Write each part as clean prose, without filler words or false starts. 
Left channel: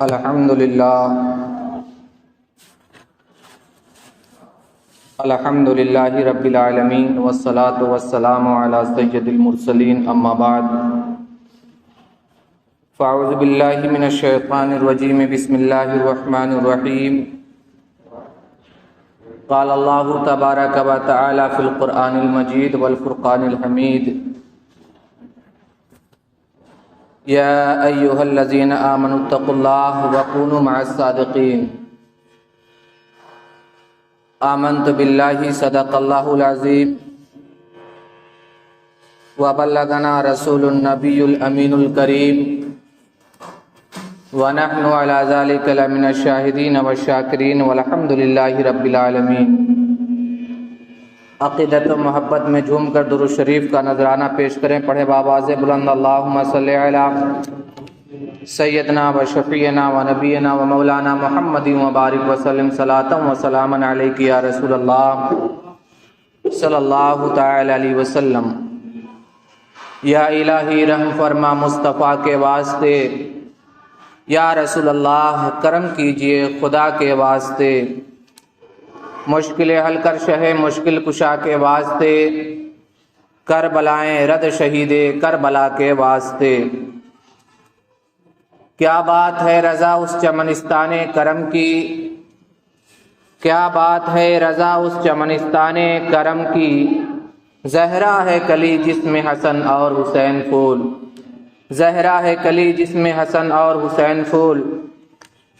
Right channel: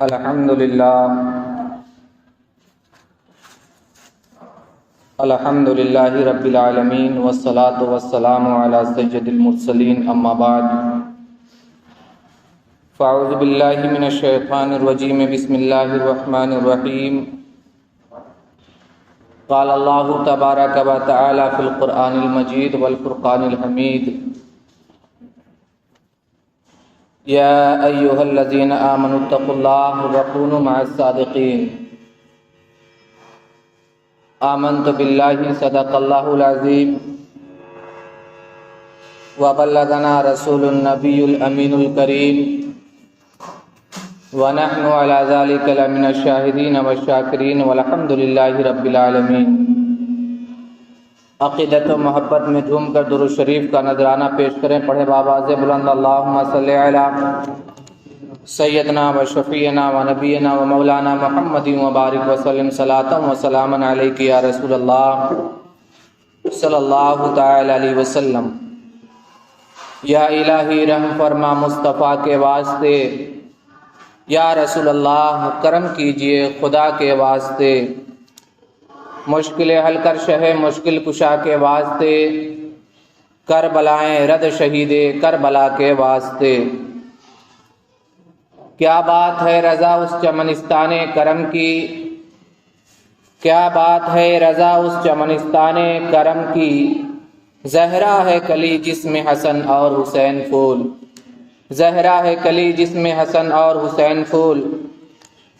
الحمدللہ رب العالمین والصلاة والسلام علی سید المرسلین اما بعد فاعوذ باللہ من الشیطان الرجیم بسم اللہ الرحمن الرحیم قال اللہ تبارک و تعالی فی القرآن المجید والفرقان الحمید یا ایہا الذین آمنوا اتقوا اللہ وکونوا مع الصادقین آمنت باللہ صدق اللہ العظیم وبلغنا رسول النبی الامین الکریم ونحن علی ذلک لمن الشاہدین والشاکرین والحمد للہ رب العالمین۔ عقیدت و محبت میں جھوم کر درود شریف کا نذرانہ پیش کریں، پڑھے بآواز بلند اللہم صلی علی سیدنا و شفیعنا و نبینا و مولانا محمد و بارک وسلم صلاۃ و سلاما علیک یا رسول اللہ صلی اللہ تعالی علیہ وسلم۔ یا الہی رحم فرما مصطفیٰ کے واسطے، یا رسول اللہ کرم کیجئے خدا کے واسطے، مشکل حل کر شہ مشکل کشا کے واسطے، کربلائیں رد شہید کربلا کے واسطے۔ کیا بات ہے رضا اس چمنستان کرم کی، کیا بات ہے رضا اس چمنستان کرم کی، زہرا ہے کلی جس میں حسن اور حسین پھول، زہرا ہے کلی جس میں حسن اور حسین پھول۔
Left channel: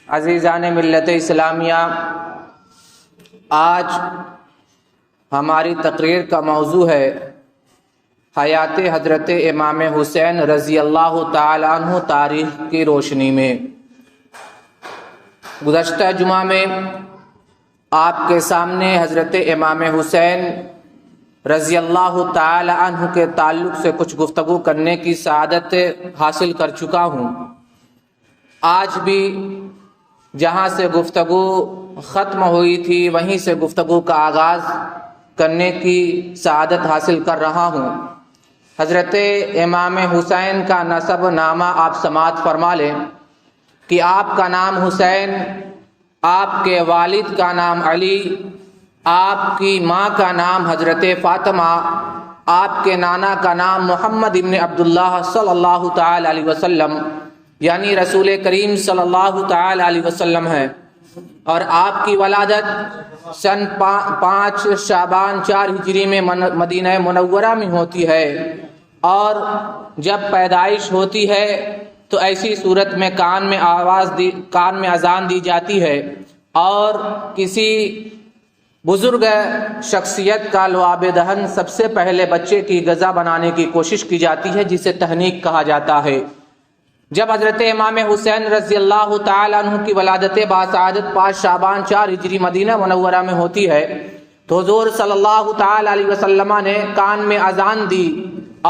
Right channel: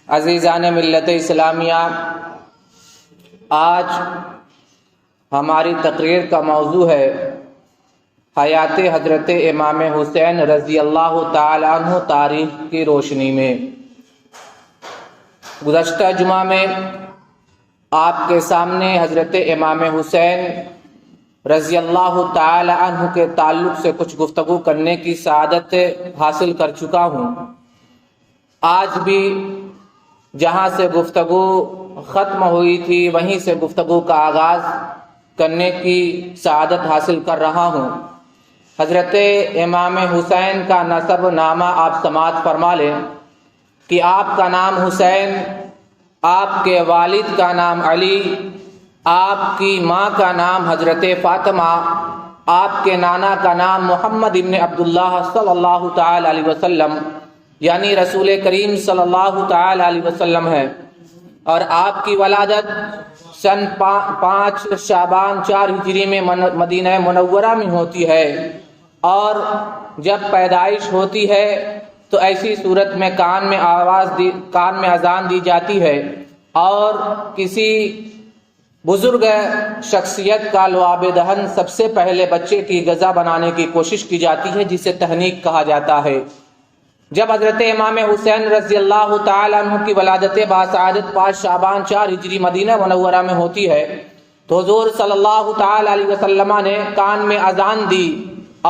عزیزان ملت اسلامیہ، آج ہماری تقریر کا موضوع ہے حیات حضرت امام حسین رضی اللہ تعالی عنہ تاریخ کی روشنی میں۔ گزشتہ جمعہ میں آپ کے سامنے حضرت امام حسین رضی اللہ تعالی عنہ کے تعلق سے کچھ گفتگو کرنے کی سعادت حاصل کر چکا ہوں۔ آج بھی جہاں سے گفتگو ختم ہوئی تھی وہیں سے گفتگو کا آغاز کرنے کی سعادت حاصل کر رہا ہوں۔ حضرت امام حسین کا نسب نامہ آپ سماعت فرما لیں کہ آپ کا نام حسین، آپ کے والد کا نام علی، آپ کی ماں کا نام حضرت فاطمہ، آپ کے نانا کا نام محمد ابن عبداللہ صلی اللہ تعالی علیہ وسلم یعنی رسول کریم صلی اللہ تعالی علیہ وسلم ہے، اور آپ کی ولادت سن 5 شعبان 4 ہجری میں مدینہ منورہ میں ہوتی ہے، اور جب پیدائش ہوتی ہے تو ایسی صورت میں کان میں اذان دی جاتی ہے، اور کسی بزرگ شخصیت کا لعاب دہن سب سے پہلے بچے کی غذا بنانے کی کوشش کی جاتی ہے، جسے تحنیک کہا جاتا ہے۔ جب حضرت امام حسین رضی اللہ تعالی عنہ کی ولادت باسعادت 5 شعبان 4 ہجری مدینہ منورہ میں ہوتی ہے تو حضور صلی اللہ تعالی علیہ وسلم نے کان میں اذان دی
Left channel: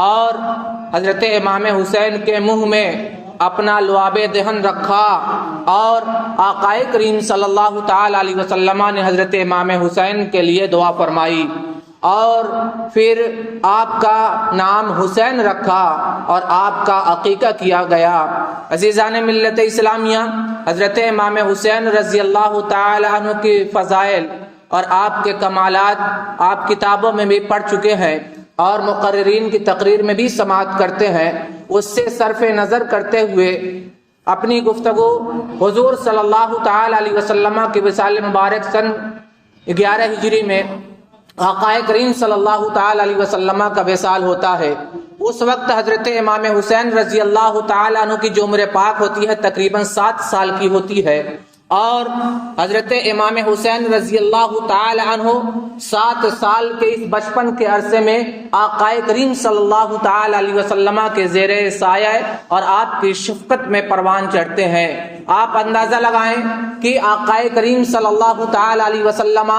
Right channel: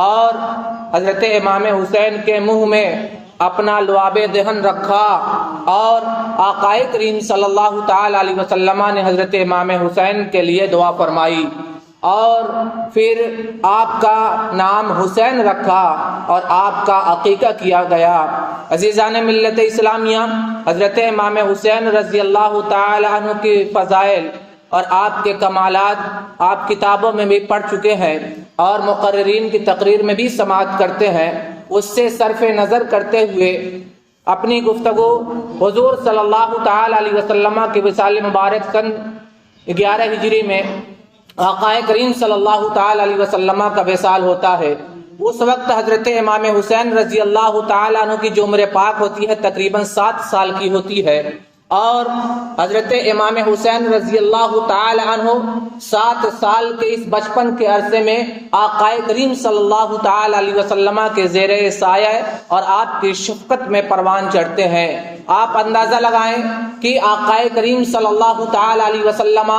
اور حضرت امام حسین کے منہ میں اپنا لعاب دہن رکھا، اور آقا کریم صلی اللہ تعالی علیہ وسلم نے حضرت امام حسین کے لیے دعا فرمائی، اور پھر آپ کا نام حسین رکھا اور آپ کا عقیقہ کیا گیا۔ عزیزان ملت اسلامیہ، حضرت امام حسین رضی اللہ تعالی عنہ کی فضائل اور آپ کے کمالات آپ کتابوں میں بھی پڑھ چکے ہیں اور مقررین کی تقریر میں بھی سماعت کرتے ہیں۔ اس سے صرف نظر کرتے ہوئے اپنی گفتگو حضور صلی اللہ تعالی علیہ وسلم کے وصال مبارک سن 11 ہجری میں آقا کریم صلی اللہ تعالی علیہ وسلم کا وصال ہوتا ہے۔ اس وقت حضرت امام حسین رضی اللہ تعالی عنہ کی جو عمر پاک ہوتی ہے تقریباً 7 سال کی ہوتی ہے، اور حضرت امام حسین رضی اللہ تعالی عنہ 7 سال کے اس بچپن کے عرصے میں آقا کریم صلی اللہ تعالی علیہ وسلم کے زیر سایہ اور آپ کی شفقت میں پروان چڑھتے ہیں۔ آپ اندازہ لگائیں کہ آقا کریم صلی اللہ تعالی علیہ وسلم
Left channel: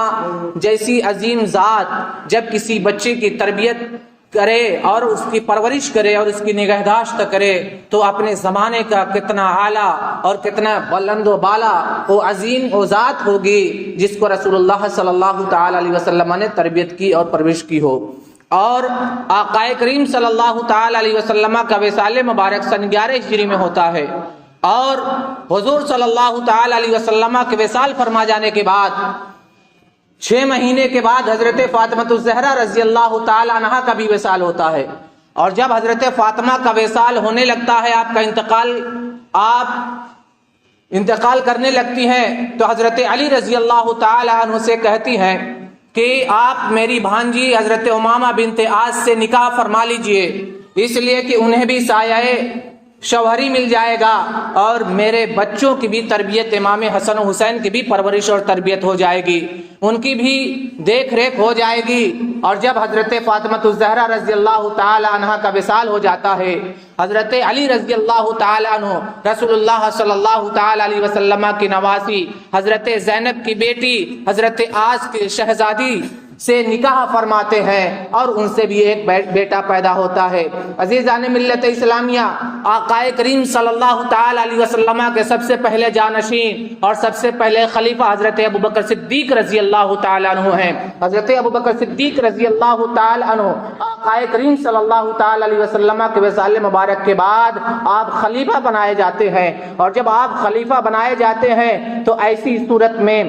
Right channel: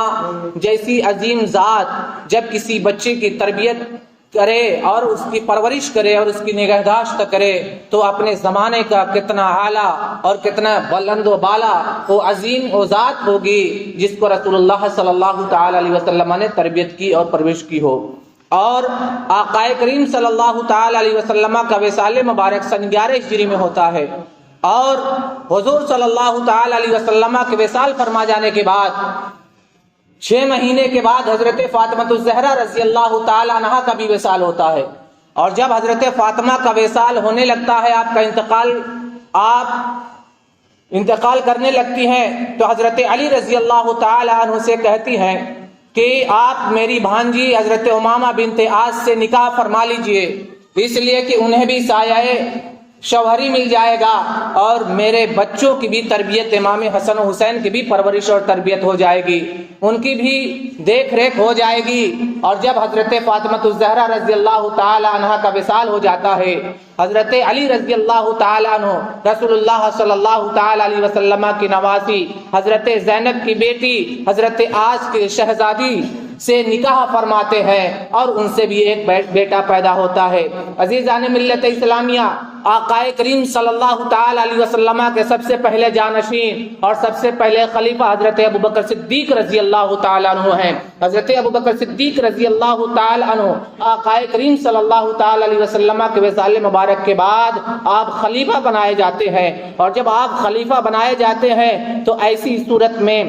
جیسی عظیم ذات جب کسی بچے کی تربیت کرے اور اس کی پرورش کرے اور اس کی نگہداشت کرے تو اپنے زمانے کا کتنا اعلیٰ اور کتنا بلند و بالا وہ عظیم و ذات ہوگی جس کو رسول اللہ صلی اللہ تعالی علیہ وسلم نے تربیت کی اور پرورش کی ہو۔ اور آقا کریم صلی اللہ تعالی علیہ وسلم کا وصال مبارک سن 11 ہجری میں ہوتا ہے، اور حضور صلی اللہ تعالی علیہ وسلم کے وصال فرما جانے کے بعد 6 مہینے کے بعد حضرت فاطمہ الزہرا رضی اللہ تعالی عنہا کا بھی وصال ہوتا ہے. اور جب حضرت فاطمہ کا وصال ہونے لگتا ہے، آپ انتقال کرنے لگتی ہیں، تو حضرت علی رضی اللہ تعالی عنہ سے کہتی ہیں کہ آپ میری بھانجی حضرت امامہ بنت عاص سے نکاح فرما لیجئے، اس لیے کہ انہیں بھی سایہ شوہری مل جائے گا اور میرے بچوں کی بھی تربیت، امام حسن و حسین کی بھی پرورش اور تربیت ہو جائے گی، ان کی بھی دیکھ ریکھ ہو جائے گی. اور جب حضرت فاطمہ الزہرا رضی اللہ تعالی عنہ کا وصال ہو جاتا ہے، حضرت علی رضی اللہ تعالی عنہ رسول اللہ صلی اللہ تعالی علیہ وسلم کی نواسی حضرت زینب کی بیٹی حضرت عاص کی شہزادی سے نکاح فرماتے ہیں اور ان سے بھی ایک بیٹا پیدا ہوتا ہے. عزیزان ملت اسلامیہ، آقا کریم صلی اللہ تعالی علیہ وسلم کے سب سے پہلے جانشین اور سب سے پہلے خلیفہ حضرت ابوبکر صدیق رضی اللہ تعالی عنہ ہیں. حضرت ابوبکر صدیق رضی اللہ تعالی عنہ آقا کریم صلی اللہ تعالی علیہ وسلم کے وصال مبارک کے بعد آپ خلیفہ بنائے جاتے ہیں. اور جب آپ خلیفہ بنائے جاتے ہیں تو ایسی صورت میں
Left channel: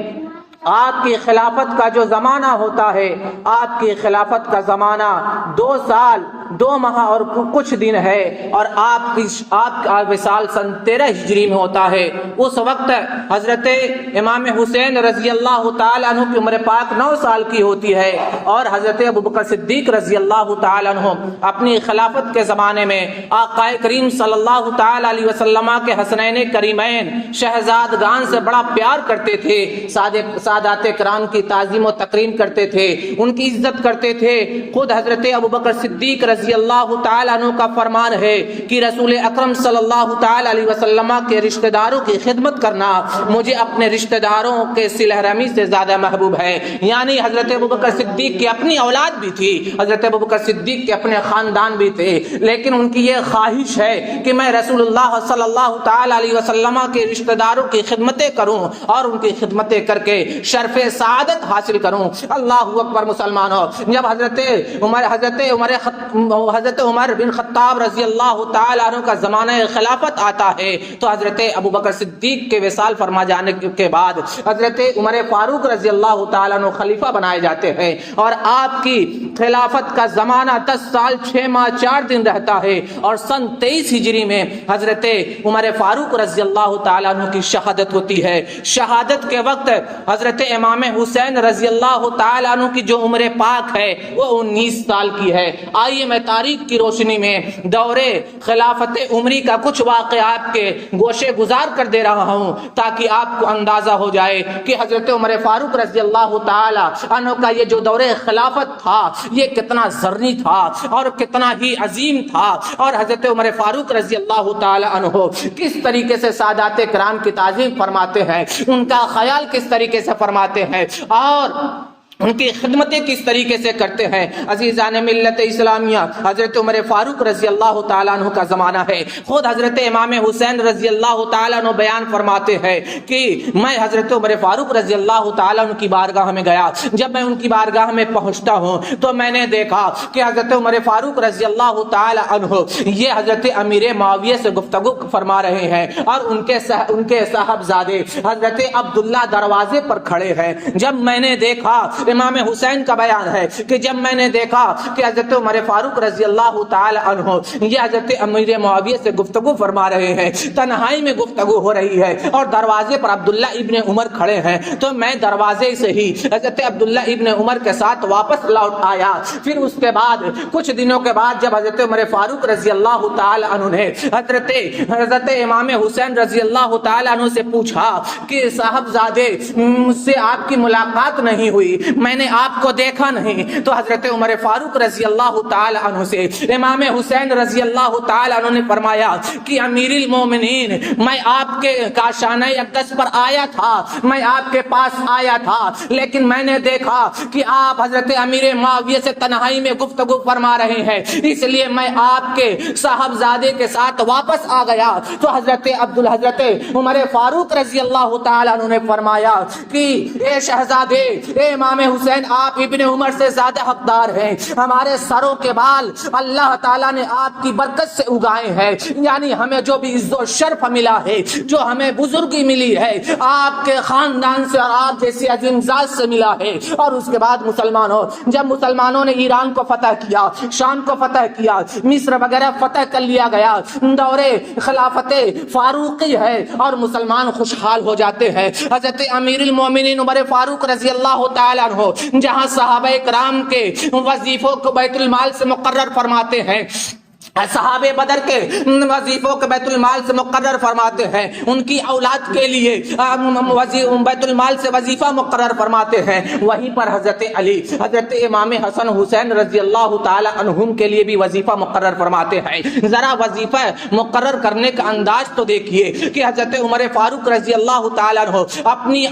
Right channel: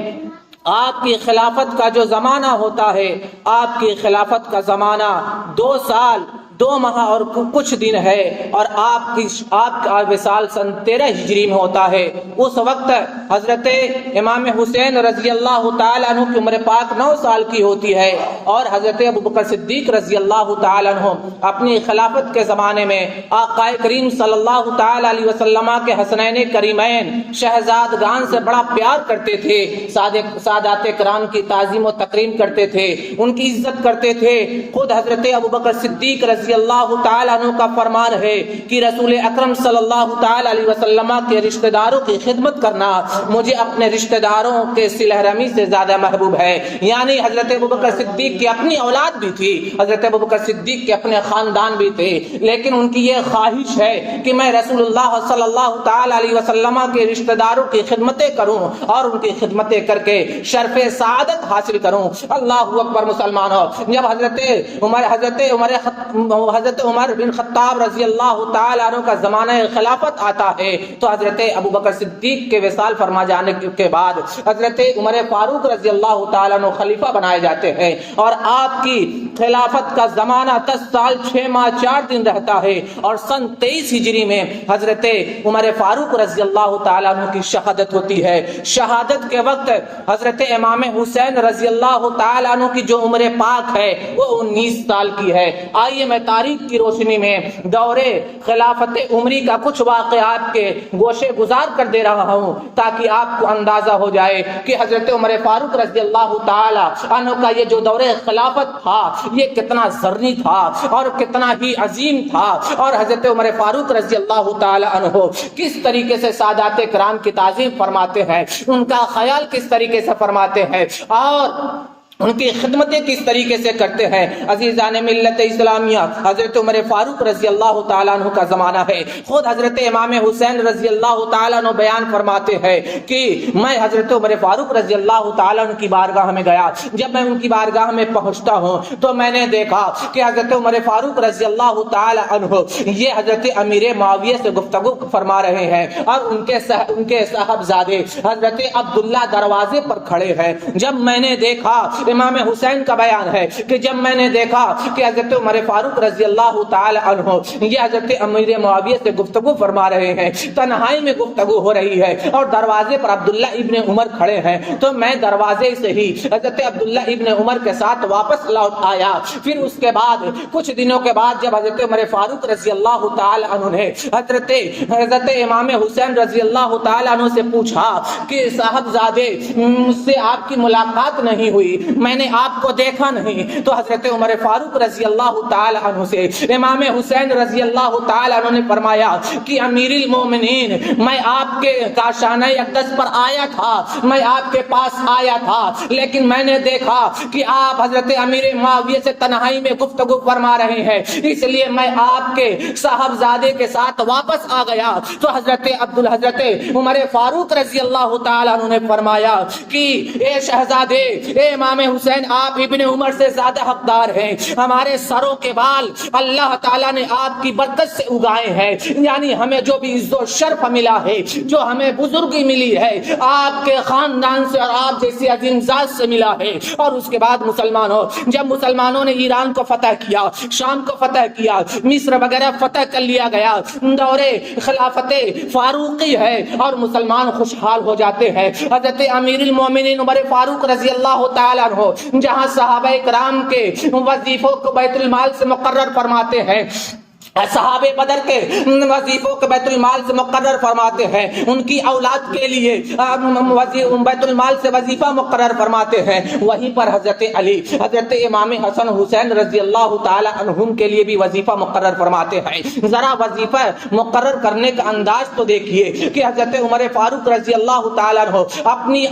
آپ کی خلافت کا جو زمانہ ہوتا ہے، آپ کی خلافت کا زمانہ 2 سال 2 ماہ اور کچھ دن ہے، اور آپ کا وصال سن 13 ہجری میں ہوتا ہے. اس وقت حضرت امام حسین رضی اللہ تعالی عنہ کی عمر پاک 9 سال کی ہوتی ہے، اور حضرت ابوبکر صدیق رضی اللہ تعالی عنہ اپنی خلافت کے زمانے میں آقا کریم صلی اللہ تعالی علیہ وسلم کے حسنین کریمین شہزادگان سے بڑا پیار کرتے تھے، سادات کرام کی تعظیم و تکریم کرتے تھے، ان کی عزت کرتے تھے. خود حضرت ابوبکر صدیق رضی اللہ تعالی عنہ کا فرمان ہے کہ رسول اکرم صلی اللہ تعالی علیہ وسلم کے رشتہ داروں کی خدمت کرنا مجھے اپنے رشتہ داروں کے صلہ رحمی سے زیادہ محبوب ہے. یعنی حضرت ابوبکر صدیق کی اپنی اولاد بھی تھی، حضرت ابوبکر صدیق کے اپنے خاندان بھی تھے، لیکن ان کی یہ خواہش ہے کہ میں رسول اللہ صلی اللہ تعالی علیہ وسلم کے رشتہ داروں کی خدمتیں کروں اور ان کی خدمتیں کر کے شرف سعادت حاصل کروں. اللہ اکبر مسلمانوں. جب حضرت عمر بن خطاب رضی اللہ تعالی عنہ کا زمانہ خلافت آتا ہے تو حضرت ابوبکر صدیق کے وصال فرما جانے کے بعد حضرت عمر فاروق رضی اللہ تعالی عنہ خلیفہ بنائے جاتے ہیں، اور آپ کی خلافت کا زمانہ 10 سال 6 ماہ 4 دن رہتا ہے. اور سن 23 ہجری میں حضرت عمر فاروق رضی اللہ تعالی عنہ کی شہادت ہوتی ہے. شہادت کے وقت حضرت امام حسین رضی اللہ تعالی عنہ کی جو عمر پاک ہے وہ 19 سال کی ہے. آئیے میں تاریخ کی روشنی میں دور خلافت عمری کا کچھ واقعات کے گوشے گزار کر دے رہا ہوں تاکہ آپ کو اندازہ ہو جائے کہ حضرت عمر فاروق رضی اللہ تعالی عنہ کا یہ جو دور خلافت تھا یہ کتنا زرنی تھا اور کتنا ہی عظیم تھا، اور حضرت عمر فاروق رضی اللہ تعالی عنہ کس طریقے سے سادات کرام کی تعظیم فرماتے ہیں، ان کا خیال کس طریقے سے فرماتے ہیں اور ان کی خدمتیں کس طریقے سے کرتے ہیں. عزیزان ملت اسلامیہ، حضرت عمر فاروق رضی اللہ تعالیٰ عنہ کا زمانہ ہے. خود حضرت امام حسین رضی اللہ تعالیٰ عنہ بیان فرماتے ہیں کہ میں حضرت عمر فاروق رضی اللہ تعالیٰ عنہ کی بارگاہ میں گیا. جب میں ان کی بارگاہ میں پہنچتا ہوں تو میں نے دیکھا کہ حضرت عمر فاروق رضی اللہ تعالیٰ عنہ یہ حضرت امیر معاویہ سے گفتگو فرما رہے ہیں اور ان کے صاحبزادے حضرت عبداللہ دروازے پر کھڑے ہیں. جب میں نے دیکھا، امام حسین کا بیان ہے کہ جب میں نے دیکھا کہ حضرت عمر فاروق رضی اللہ تعالی عنہ یہ حضرت امیر معاویہ سے گفتگو فرما رہے ہیں، تنہائی میں گفتگو ہو رہی ہے اور دروازے پر عبداللہ ابن عمر کھڑے ہیں، تو میں دروازے سے ہی حضرت عبداللہ ابن عمر کے ساتھ واپس لوٹ آیا. پھر اس کے بعد کچھ دنوں کے بعد جب حضرت عمر فاروق رضی اللہ تعالی عنہ نے حضرت امام حسین رضی اللہ تعالی عنہ سے پوچھا کہ صاحبزادے مجھ سے آپ کی ملاقات نہیں ہوئی، میں نے آپ کو دیکھا نہیں، تو حضرت عمر فاروق رضی اللہ تعالی عنہ سے امام حسین رضی اللہ تعالی عنہ نے فرمایا کہ امیر المومنین میں آپ کے کاشانہ اقدس پر آیا تھا، میں آپ کے پاس آیا تھا، لیکن میں نے دیکھا کہ آپ حضرت امیر معاویہ سے تنہائی میں گفتگو فرما رہے ہیں، اس لیے میں آپ کے صاحبزادے کے ساتھ واپس آ گیا. تو حضرت عمر فاروق رضی اللہ تعالی عنہ نے فرمایا کہ اے شہزادے، اے امام حسین آپ ابن عمر سے زیادہ حقدار ہیں. ہمارے سروں کے بال اللہ تعالیٰ نے آپ کی برکت سے اگائے ہیں. یعنی ہمیں جو بھی عزت و شرف ملا ہے, جو ہمیں بزرگی ملی ہے, آپ کے خاندان سے اور آپ جیسی عظیم ذات سے ملا ہے. اور اس کے بعد مسلمانوں, جب مسلمانوں نے ایران کو فتح کیا, شام کو فتح کیا, مصر وغیرہ فتح کر لیا گیا, دورے خلافت فاروقی ہے اور مسلمان خوشحال ہو جاتے ہیں. حضرت امیر المومنین عمر فاروق رضی اللہ تعالیٰ عنہ جہاں صحابہ کرام کے وظیفوں کو بیت المال سے مقرر فرماتے ہیں, صحابہ بدر کے وظیفوں کے بیت المال سے مقرر فرماتے ہیں, ان کی اولاد کے لیے بیت المال سے وظیفہ مقرر فرماتے ہیں, وہیں پر حضرت علی, حضرت امام حسن حسین رضی اللہ تعالی عنہم کے لیے بھی وظیفہ مقرر فرماتے ہیں. ذرا وظیفہ مقرر کرنے کا انداز تو دیکھیے کہ حضرت عمر فاروق رضی اللہ تعالی عنہ اپنی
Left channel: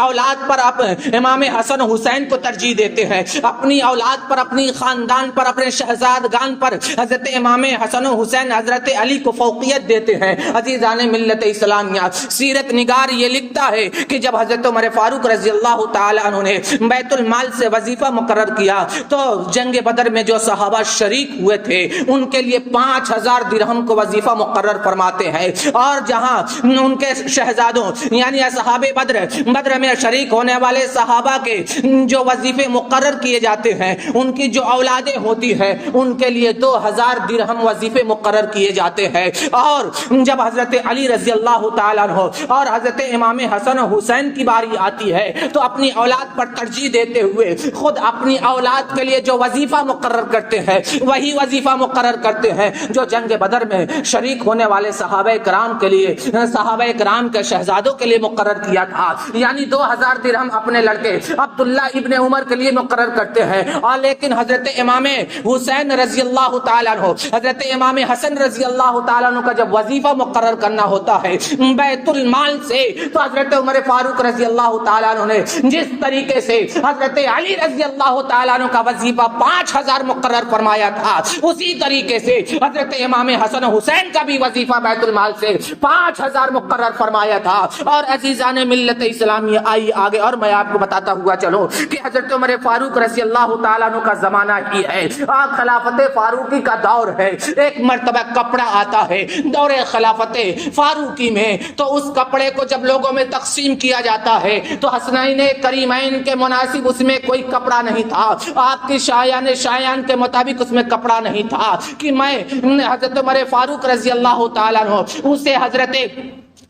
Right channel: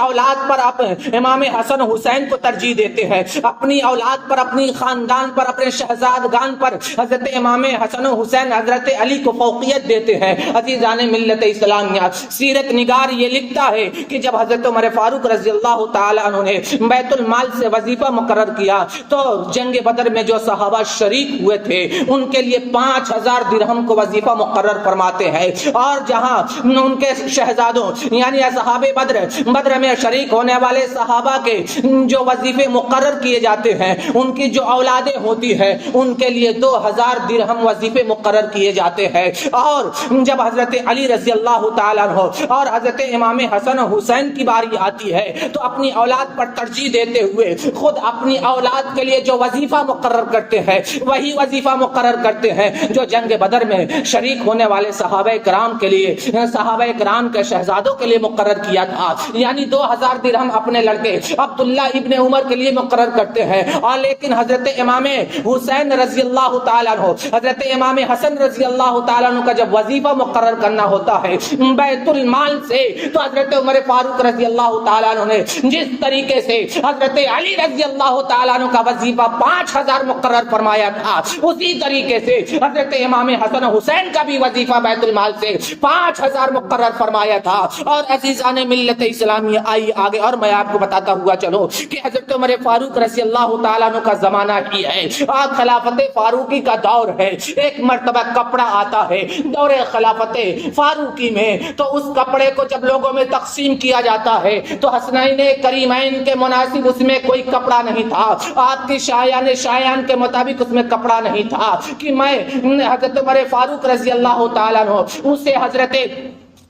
اولاد پر امام حسن حسین کو ترجیح دیتے ہیں, اپنی اولاد پر, اپنی خاندان پر, اپنے شہزادگان پر حضرت امام حسن حسین حضرت علی کو فوقیت دیتے ہیں. عزیزان ملت اسلامیہ, سیرت نگار یہ لکھتا ہے کہ جب حضرت عمر فاروق رضی اللہ تعالی عنہ نے بیت المال سے وظیفہ مقرر کیا تو جنگ بدر میں جو صحابہ شریک ہوئے تھے ان کے لیے 5000 درہم کو وظیفہ مقرر فرماتے ہیں. اور جہاں ان کے شہزادوں یعنی اصحاب بدر میں شریک ہونے والے صحابہ کے جو وظیفے مقرر کیے جاتے ہیں, ان کی جو اولادیں ہوتی ہیں ان کے لیے 2000 درہم وظیفے مقرر کیے جاتے ہیں. اور جب حضرت علی رضی اللہ تعالیٰ عنہ اور حضرت امام حسن حسین کی باری آتی ہے تو اپنی اولاد پر ترجیح دیتے ہوئے خود اپنی اولاد کے لیے جو وظیفہ مقرر کرتے ہیں وہی وظیفہ مقرر کرتے ہیں جو جنگ بدر میں شریک ہونے والے صحابہ کرام کے لیے, صحابہ کرام کے شہزادوں کے لیے مقرر کیا تھا. یعنی 2000 درہم اپنے لڑکے عبداللہ ابن عمر کے لیے مقرر کرتے ہیں. اور لیکن حضرت امام حسین رضی اللہ تعالیٰ عنہ, حضرت امام حسن رضی اللہ تعالیٰ عنہ کا جب وظیفہ مقرر کرنا ہوتا ہے بیت المال سے, تو حضرت عمر فاروق رضی اللہ تعالیٰ عنہ نے جس طریقے سے حضرت علی رضی اللہ تعالیٰ عنہ کا وظیفہ 5000 مقرر فرمایا تھا, اسی طریقے سے حضرت امام حسن حسین کا بھی وظیفہ بیت المال سے 5000 مقرر فرمایا تھا. اور عزیزان ملت اسلامیہ, آئیے آگے اور میں آپ کو بتاتا ہوا چلو کہ حضرت عمر فاروق رضی اللہ تعالیٰ عنہ کا زمانہ ہی ہے, خلافت فاروقی کا دور ہے. ایک مرتبہ کپڑا آتا ہے دور خلافت فاروقی میں, تو اس کپڑے کو جب لوگوں میں تقسیم کیا جاتا ہے تو حسنین کریمین کے مناسب اس میں کوئی کپڑا نہیں تھا. آپ کی شایان کے مطابق اس میں کپڑا نہیں تھا کہ میں حضرت عمر فاروق رضی اللہ تعالیٰ عنہ اسے حضرت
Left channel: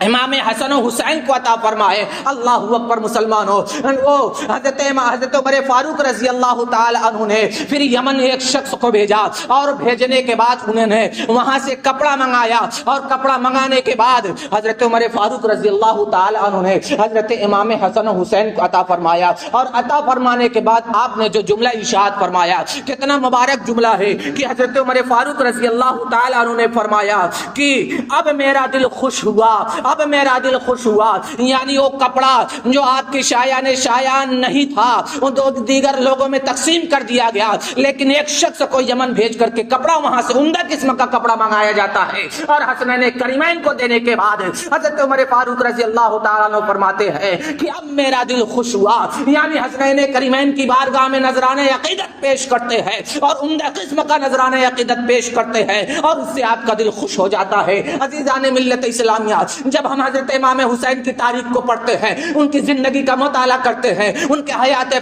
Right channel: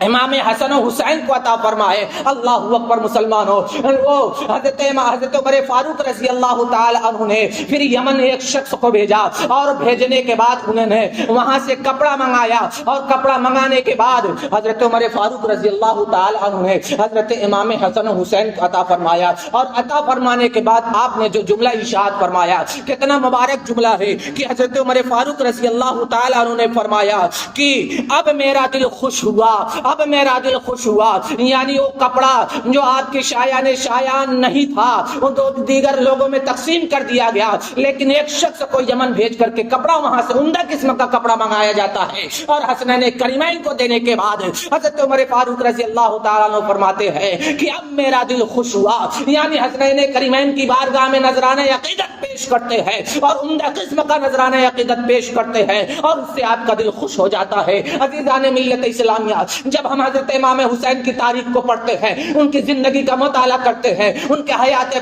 امام حسن و حسین کو عطا فرمائے. اللہ اکبر مسلمانوں, وہ حضرت عمر فاروق رضی اللہ تعالی عنہ نے پھر یمن ایک شخص کو بھیجا, اور بھیجنے کے بعد انہوں نے وہاں سے کپڑا منگایا, اور کپڑا منگانے کے بعد حضرت عمر فاروق رضی اللہ تعالی عنہ نے حضرت امام حسن و حسین کو عطا فرمایا. اور عطا فرمانے کے بعد آپ نے جو جملہ ارشاد فرمایا, کتنا مبارک جملہ ہے کہ حضرت عمر فاروق رضی اللہ تعالی عنہ نے فرمایا کہ اب میرا دل خوش ہوا, اب میرا دل خوش ہوا. یعنی وہ کپڑا جو آپ کی شایان نہیں تھا وہ دیگر لوگوں میں تقسیم کر دیا گیا, لیکن ایک شخص کو یمن بھیج کر کے کپڑا وہاں سے عمدہ قسم کا کپڑا منگایا جاتا ہے. اور حسنین کریمین کو دینے کے بعد حضرت عمر فاروق رضی اللہ تعالیٰ عنہ فرماتے ہیں کہ اب میرا دل خوش ہوا. یعنی حسنین کریمین کی بارگاہ میں نذرانہ عقیدت پیش کرتے ہیں اور عمدہ قسم کا نذرانہ عقیدت پیش کرتے ہیں, اور اس سے آپ کا دل خوش ہو جاتا ہے. عزیزان ملت اسلامیہ, جب ہم حضرت امام حسین کی تاریخ کو پڑھتے ہیں, ان کی زندگی کا مطالعہ کرتے ہیں, ان کے حیات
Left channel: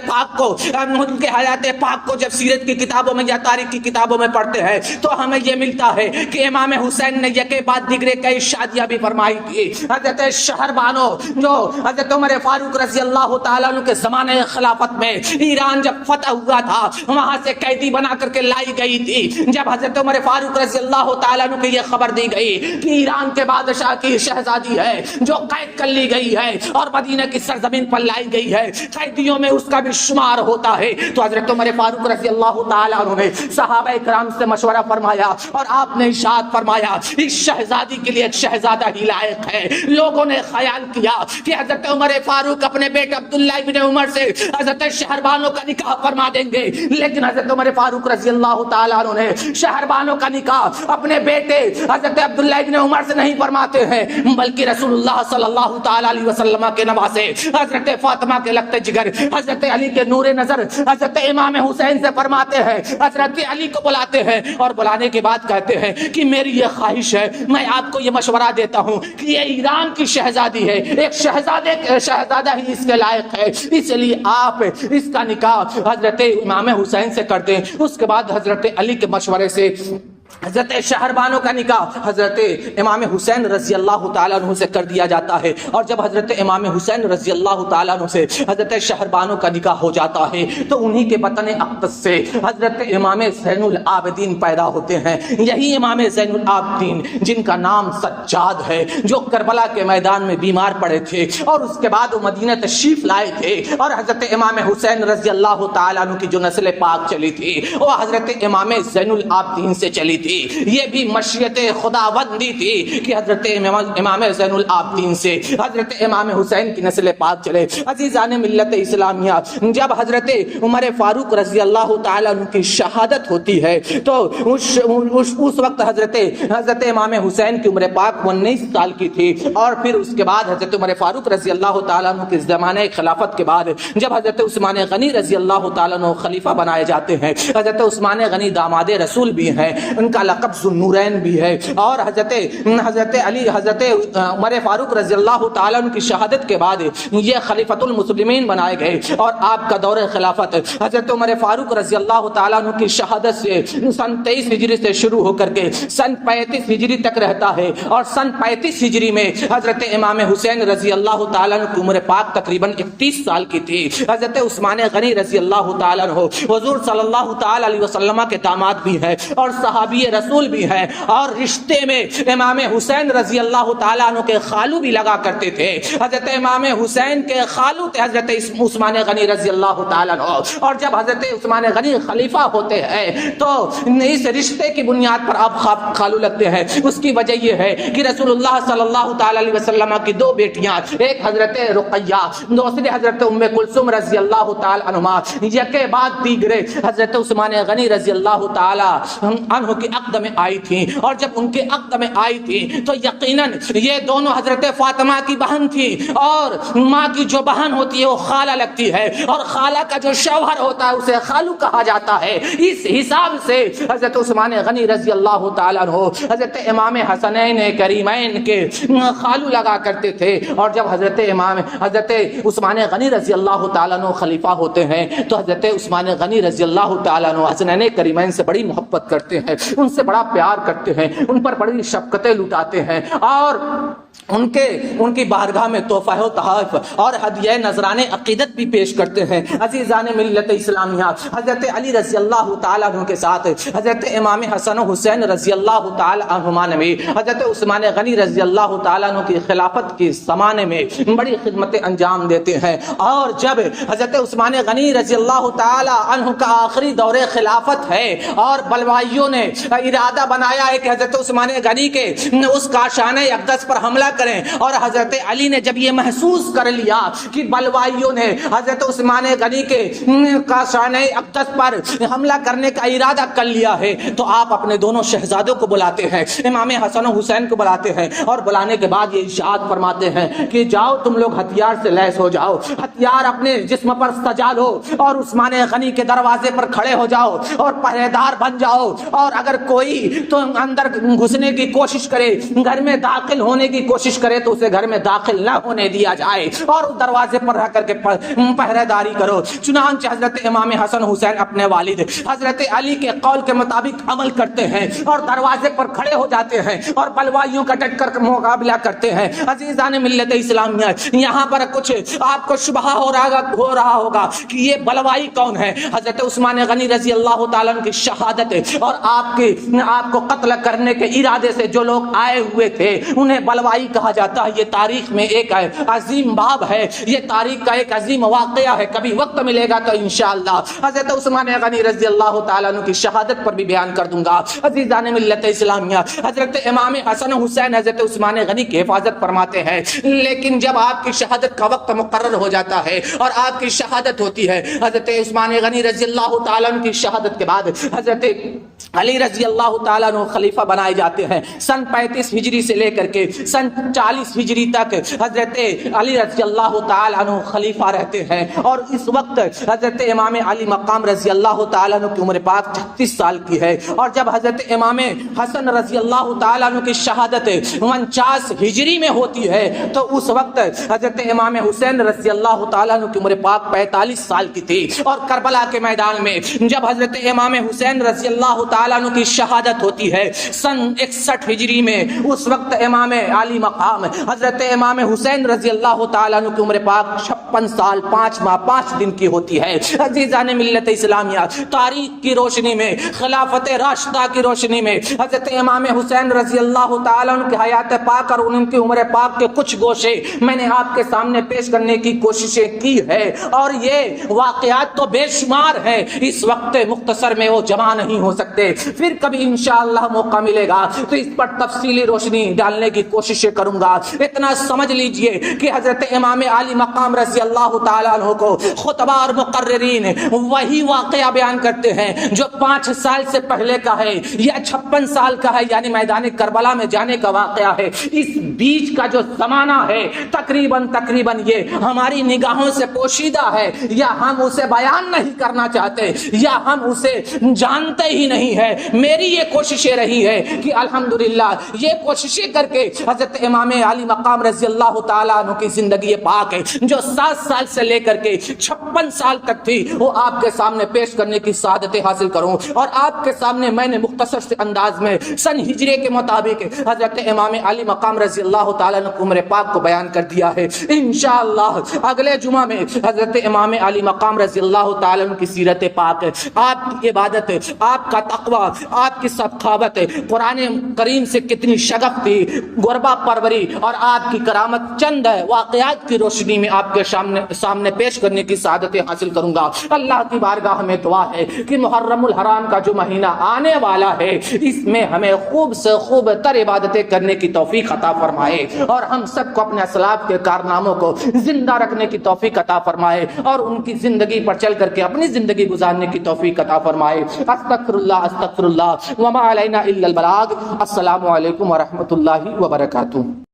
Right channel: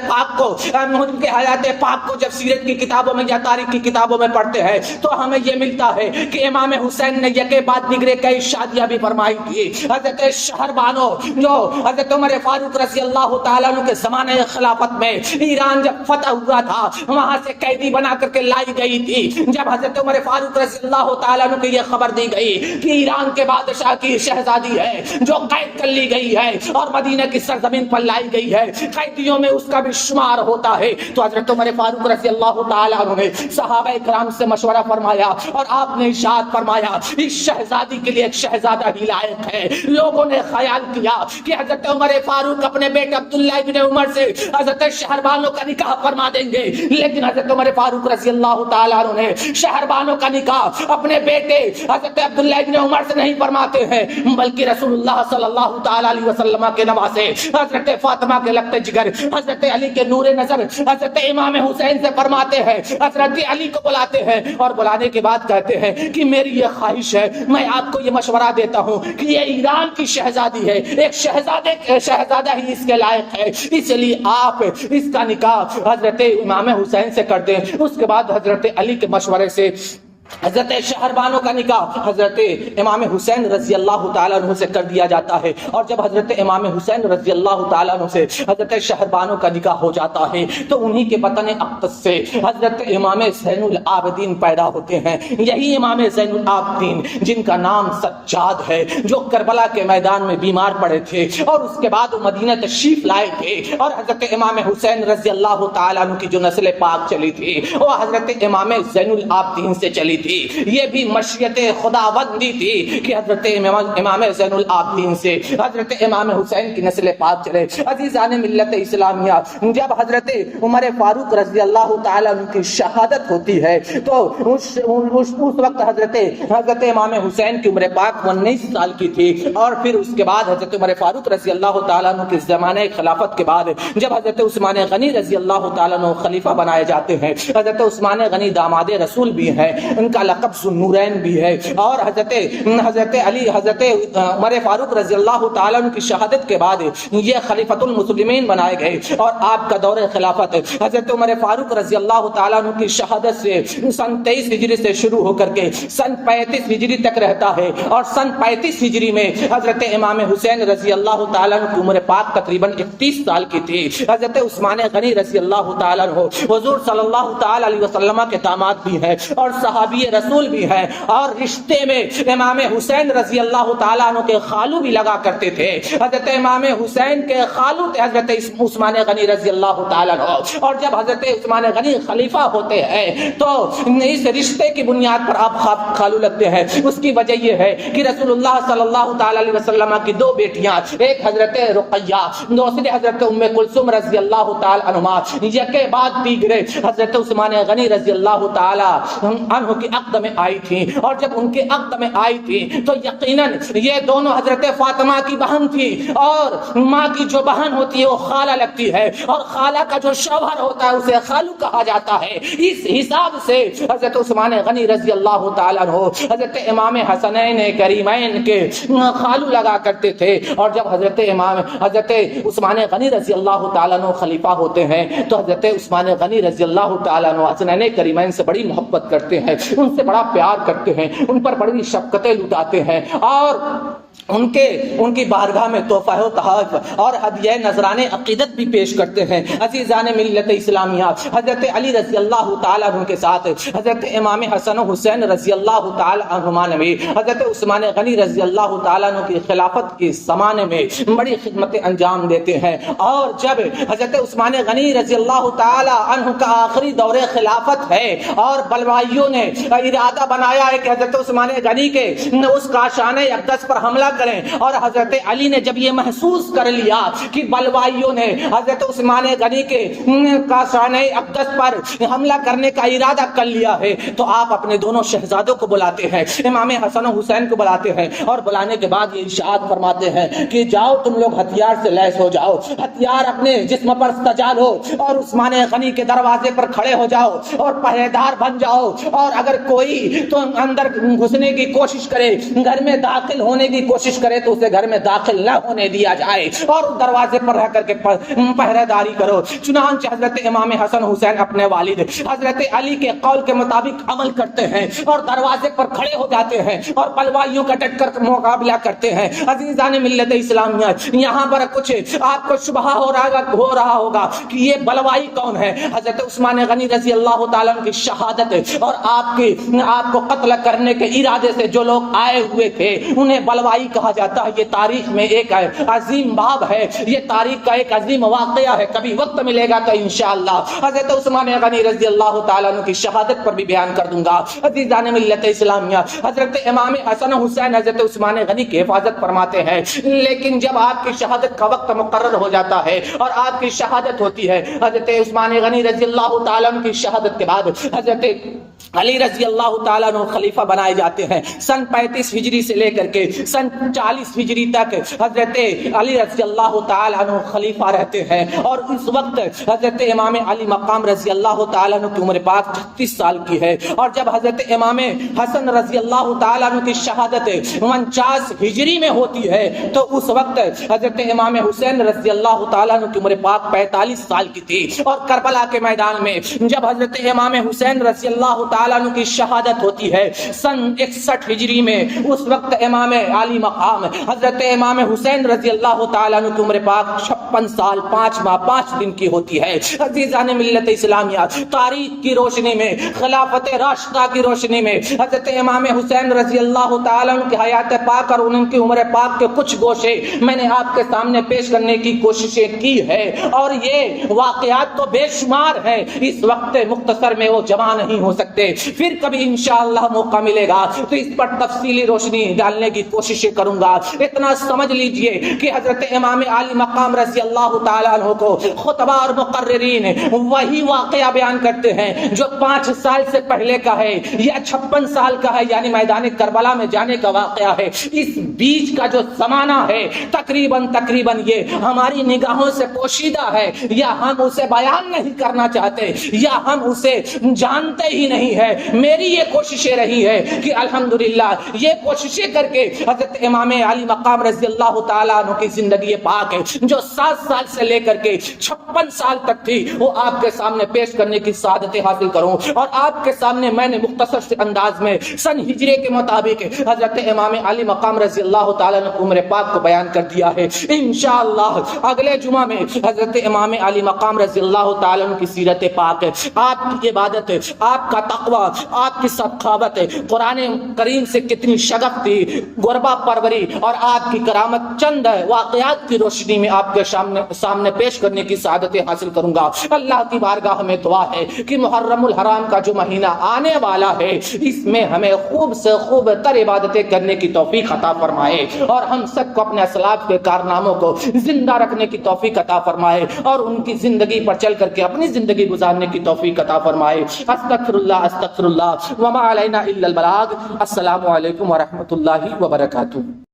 پاک کو جب سیرت کی کتابوں میں یا تاریخ کی کتابوں میں پڑھتے ہیں تو ہمیں یہ ملتا ہے کہ امام حسین نے یکے بعد دیگرے کئی شادیاں بھی فرمائی تھی. حضرت شہربانو جو حضرت عمر فاروق رضی اللہ تعالیٰ عنہ کے زمانے خلافت میں ایران جب فتح ہوا تھا وہاں سے قیدی بنا کر کے لائی گئی تھی. جب حضرت عمر فاروق رضی اللہ تعالیٰ عنہ کو یہ خبر دی گئی کہ ایران کے بادشاہ کی شہزادی ہے جو قید کر لی گئی ہے اور مدینہ کی سرزمین پر لائی گئی ہے, قیدیوں میں اس کا بھی شمار ہوتا ہے, تو حضرت عمر فاروق رضی اللہ تعالی عنہ نے صحابہ کرام سے مشورہ فرمایا اور آپ نے ارشاد فرمایا اس شہزادی کے لیے ایک شہزادہ ہی لائق ہے. لوگوں نے خیال کیا کہ حضرت عمر فاروق اپنے بیٹے عبداللہ ابن عمر سے حضرت شہربانو کا نکاح فرما دیں گے, لیکن حضرت عمر فاروق رضی اللہ تعالی عنہ نے شہربانو کا نکاح اپنے بیٹے حضرت عبداللہ ابن عمر سے نہیں فرماتے ہیں, بلکہ بلکہ رسول اللہ صلی اللہ تعالی علیہ وسلم کے نواسے حضرت فاطمہ کے لگتے جگر حضرت علی کے نور نظر حضرت امام حسین سے فرماتے ہیں، حضرت علی کو بلاتے ہیں اور بلانے کے بعد کہتے ہیں کہ میری یہ خواہش ہے، میں آپ کو یہ مشورہ دیتا ہوں کہ یہ ایران کی شہزادی ہے، ایک شہزادہ ہی اس کے لائق ہے، اس لیے آپ اس کا نکاح حضرت امام حسین سے کر دیں۔ اس کے بعد حضرت علی کے مشورے سے حضرت شہربانو کا نکاح حضرت امام حسین رضی اللہ تعالیٰ عنہ سے کر دیا جاتا ہے، اور جب حضرت امام حسین رضی اللہ تعالیٰ عنہ سے حضرت شہربانو کا نکاح ہو جاتا ہے تو انہی کے بطن اقدس سے حضرت امام زین العابدین پیدا ہوتے ہیں۔ یہی امام زین العابدین جن کا نام سجاد ہے، جو کربلا کے میدان میں بیمار پڑے تھے اور اس کے بعد وہ مدینہ تشریف لائے تھے، اور حضرت امام حسین رضی اللہ تعالیٰ عنہ کی جو نسل پاک چلی تھی وہ حضرت امام زین العابدین سے چلی تھی۔ یہ بھی مشیت خداوندی تھی کہ حضرت امام زین العابدین سے حضرت امام حسین کی نسل پاک چلے۔ عزیزان ملت اسلامیہ، جب حضرت عمر فاروق رضی اللہ تعالیٰ عنہ کی شہادت ہوتی ہے تو اس وقت حضرت امام حسین کی عمر پاک 19 سال کی تھی، اور پھر اس کے بعد حضرت عمر فاروق رضی اللہ تعالیٰ عنہ کے زمانے خلافت کے بعد جب حضرت عثمان غنی رضی اللہ تعالیٰ عنہ خلیفہ بنائے جاتے ہیں، حضرت عثمان غنی داماد رسول بھی ہیں، ان کا لقب ذوالنورین بھی ہے، اور حضرت علی حضرت عمر فاروق رضی اللہ تعالیٰ عنہ کی شہادت کے بعد یہ خلیفۃ المسلمین بنائے گئے، اور آپ کا دور خلافت حضرت عمر فاروق رضی اللہ تعالیٰ عنہ کی شہادت سے سن 23 ہجری سے شروع ہو کر کے سن 35 ہجری تک رہتا ہے، اور سن 35 ہجری میں حضرت امام حسین رضی اللہ تعالیٰ عنہ کی عمر پاک تقریباً 31 سال کی تھی۔ حضرت عثمان غنی رضی اللہ تعالیٰ عنہ حضور صلی اللہ تعالیٰ علیہ وسلم کے داماد بھی ہیں اور صحابی رسول بھی ہیں، اور رشتے میں امام حسین رضی اللہ تعالیٰ عنہ کے خالو بھی لگا کرتے تھے۔ حضرت امام حسین کے خالو تھے حضرت عثمان غنی رضی اللہ تعالیٰ عنہ، اور جب حضرت عثمان غنی خلیفہ ہوتے ہیں تو اس رشتے کی بنیاد پر آپ خالو لگتے ہیں۔ اس کی وجہ یہ ہے کہ رسول اللہ صلی اللہ تعالیٰ علیہ وسلم کی 2 بیٹیاں، ایک حضرت رقیہ دوسری حضرت ام کلثوم رضی اللہ تعالیٰ عنہما، یکے بعد دیگرے حضرت عثمان غنی رضی اللہ تعالیٰ عنہ کی عقد میں آئی تھی، اور جب ان کے عقد میں آئی تھی تو یقیناً یہ دونوں حضرت فاطمہ کی بہن تھی، اور ماں کی جو بہن ہوتی ہے وہ خالہ لگتی ہے، اور خالہ کا جو شوہر ہوتا ہے اسے خالو کہا جاتا ہے۔ اس حساب سے حضرت عثمان غنی رضی اللہ تعالیٰ عنہ حضرت امام حسنین کریمین کے خالو لگا کرتے تھے، اور جب حضرت عثمان غنی رضی اللہ تعالیٰ عنہ خلیفہ ہوتے ہیں تو حضرت عثمان غنی رضی اللہ تعالیٰ عنہ حسنین کریمین سے بڑی محبت کرتے ہیں، ان سے بڑا پیار کرتے ہیں، ان پر بڑی شفقتیں لٹاتے ہیں، اور ان کی بارگاہ میں تحفہ و تحائف اور ہدیہ نذرانے عقیدت بھی پیش کرتے ہیں۔ عزیزان ملت اسلامیہ، حضرت علی رضی اللہ تعالیٰ عنہ کے ساتھ حضرت امام حسن و حسین رضی اللہ تعالیٰ عنہما نے بھی حضرت عثمان غنی رضی اللہ تعالیٰ عنہ کی خلافت کے زمانے میں بڑی خدمتیں انجام دیتے ہیں، اور جب حضرت عثمان غنی رضی اللہ تعالیٰ عنہ کا آخری دور خلافت ہے اور بلوائیوں نے ارادہ بنایا ہے کہ حضرت عثمان غنی کے اس کاشان اقدس پر حملہ کریں، اور حضرت علی نے جب یہ محسوس کر لیا کہ بلوائیوں نے حضرت عثمان غنی کے کاشان اقدس پر حملہ کرنے کا ارادہ کر لیا ہے تو آپ اپنے دونوں شہزادوں کو بلاتے ہیں، امام حسن و حسین کو بلاتے ہیں، اور بلانے کے بعد یہ ارشاد فرماتے ہیں کہ جاؤ تم لوگ ہتھیار سے لیس ہو جاؤ، ہتھیار اپنے جسم پر سجا لو، اور عثمان غنی کے دروازے پر کھڑے ہو جاؤ اور پہرے دار بن جاؤ، اور اگر کوئی تو اندر گھسنے کی کوشش کرے، گھر میں داخل ہونے کی کوشش کرے تو اسے گھر میں داخل نہ ہونے دیا جائے، اور دروازے پر رہ کر کے پہرے داری کرو۔ چنانچہ حضرت امام حسن حسین اپنے والد حضرت علی کے قول کے مطابق عمل کرتے ہیں اور دروازے پر کھڑے ہو جاتے ہیں اور بلوائیوں کا ڈٹ کر مقابلہ کرتے ہیں۔ عزیزان ملت اسلامیہ، یہاں پر کچھ آپ کو شبہ ہو رہا ہوگا کہ یہ بلوائی کون ہے؟ حضرت عثمان غنی رضی اللہ تعالیٰ عنہ کی شہادت اور آپ کو قتل کرنے کے ارادے سے جو لوگ آئے ہوئے تھے انہیں بلوائی کہا جاتا ہے۔ یہ تاریخ میں ایک عظیم باب ہے، یہ تاریخ کا ایک عظیم واقعہ ہے، کبھی وقت ملے گا تو انشاءاللہ حضرت عثمان غنی رضی اللہ تعالیٰ عنہ کی شہادت پر بھی بیان کر دوں گا۔ عزیزان ملت اسلامیہ، حضرت امام حسن حسین حضرت عثمان غنی کی حفاظت فرماتے ہیں، لیکن جب آپ کی شہادت کا وقت مقرر ہو جاتا ہے اور آپ کی شہادت ہوتی ہے، حضرت عثمان غنی رضی اللہ تعالیٰ عنہ کی شہادت کے بعد حضرت علی رضی اللہ تعالیٰ عنہ خلیفہ بنائے جاتے ہیں. سن 35 ہجری سے لے کر کے سن 40 ہجری تک حضرت علی رضی اللہ تعالیٰ عنہ خلیفہ رہتے ہیں. اور اس وقت حضرت امام علی مقام رضی اللہ تعالیٰ عنہ کی عمر پاک 36 سال کی ہے. اور جب حضرت امام حسن رضی اللہ تعالیٰ عنہ کی شہادت 49 ہجری میں ہوتی ہے تو اس وقت حضرت امام حسین رضی اللہ تعالیٰ عنہ کی عمر پاک 45 سال کی تھی. اور کربلا کے میدان میں جب حضرت امام حسین رضی اللہ تعالیٰ عنہ کی شہادت ہوتی ہے سن 61 ہجری میں، اس وقت امام علی مقام حضرت امام حسین رضی اللہ تعالیٰ عنہ کی عمر پاک 56 سال 5 ماہ 5 دن کی ہوتی ہے. عزیزان ملت اسلامیہ، تاریخ کی روشنی میں، خلافت راشدہ کی روشنی میں حضرت امام حسین رضی اللہ تعالیٰ عنہ کی حیات پاک اور ان کی عمر پاک کے کچھ گوشے میں نے آپ کے سامنے پیش کرنے کی کوششیں کی ہے. اور یہ واقعات تو بے شمار ہیں، اس وقت مختصر میں وہ جمع نہیں ہو سکتے. پھر کبھی انشاءاللہ موقع ملے گا تو اس پر تفصیلی روشنی ڈالنے کی کوششیں کروں گا. اتنا سمجھ لیجئے کہ حضرت امام علی مقام رضی اللہ تعالیٰ عنہ کو خطبہ اور مقررین وہی واقعہ بیان کرتے ہیں جو 5 سال سے پہلے کا ہے یا 56 سال کا ہے، یعنی میدان کربلا میں جانے کا واقعہ ہے. اس بیچ کا جو زمانہ ہے تقریباً یہ ہماری نگاہوں سے پوشیدہ ہے، یا ہم اسے بیان نہیں کرنا چاہتے یا ہم اسے جانتے ہی نہیں ہے. میری یہ کوششیں رہی ہے کہ الحمدللہ یہ کوششیں کر کے حضرت امام علی مقام رضی اللہ تعالیٰ عنہ کی زندگی پاک جو 7 سال سے لے کر کے 56 سال تک تھی وہ آپ کے سامنے پیش کرنے کی سعادتیں حاصل کروں. اور آپ کے سامنے میں نے مختصر سے انداز میں سن ہجری کے مطابق حضرت امام علی مقام رضی اللہ تعالیٰ عنہ کی عمر پاک کو بیان کر دیا ہے. انشاءاللہ اگلے جمعہ میں حضرت امام علی مقام رضی اللہ تعالیٰ عنہ کی سیرت پاک، آپ کی عبادت، آپ کا تقوی، آپ کی سخاوت، قرآن کریم سے کتنی شغف تھی، غربا پروری اور آپ کی کرامت چند واقعات کی روشنی میں آپ کے سامنے پیش کرنے کی سعادتیں حاصل کروں گا. اللہ کی بارگاہ میں دعا ہے کہ محرم الحرام کا جو مہینہ آنے والا ہے اس میں ہمیں خوب سے خوب تر عبادتیں کرنے کی توفیق عطا فرمائے اور ہم سب کو اپنے اسلاف کے کارناموں کو زندہ رکھنے کی توفیق عطا فرمائے اور ان کی زندگی پر چل کر کے اپنی زندگی گزارنے کی توفیق عطا فرمائے. استغفر اللہ وما علینا الا البلاغ. السلام علیکم ورحمۃ اللہ وبرکاتہ.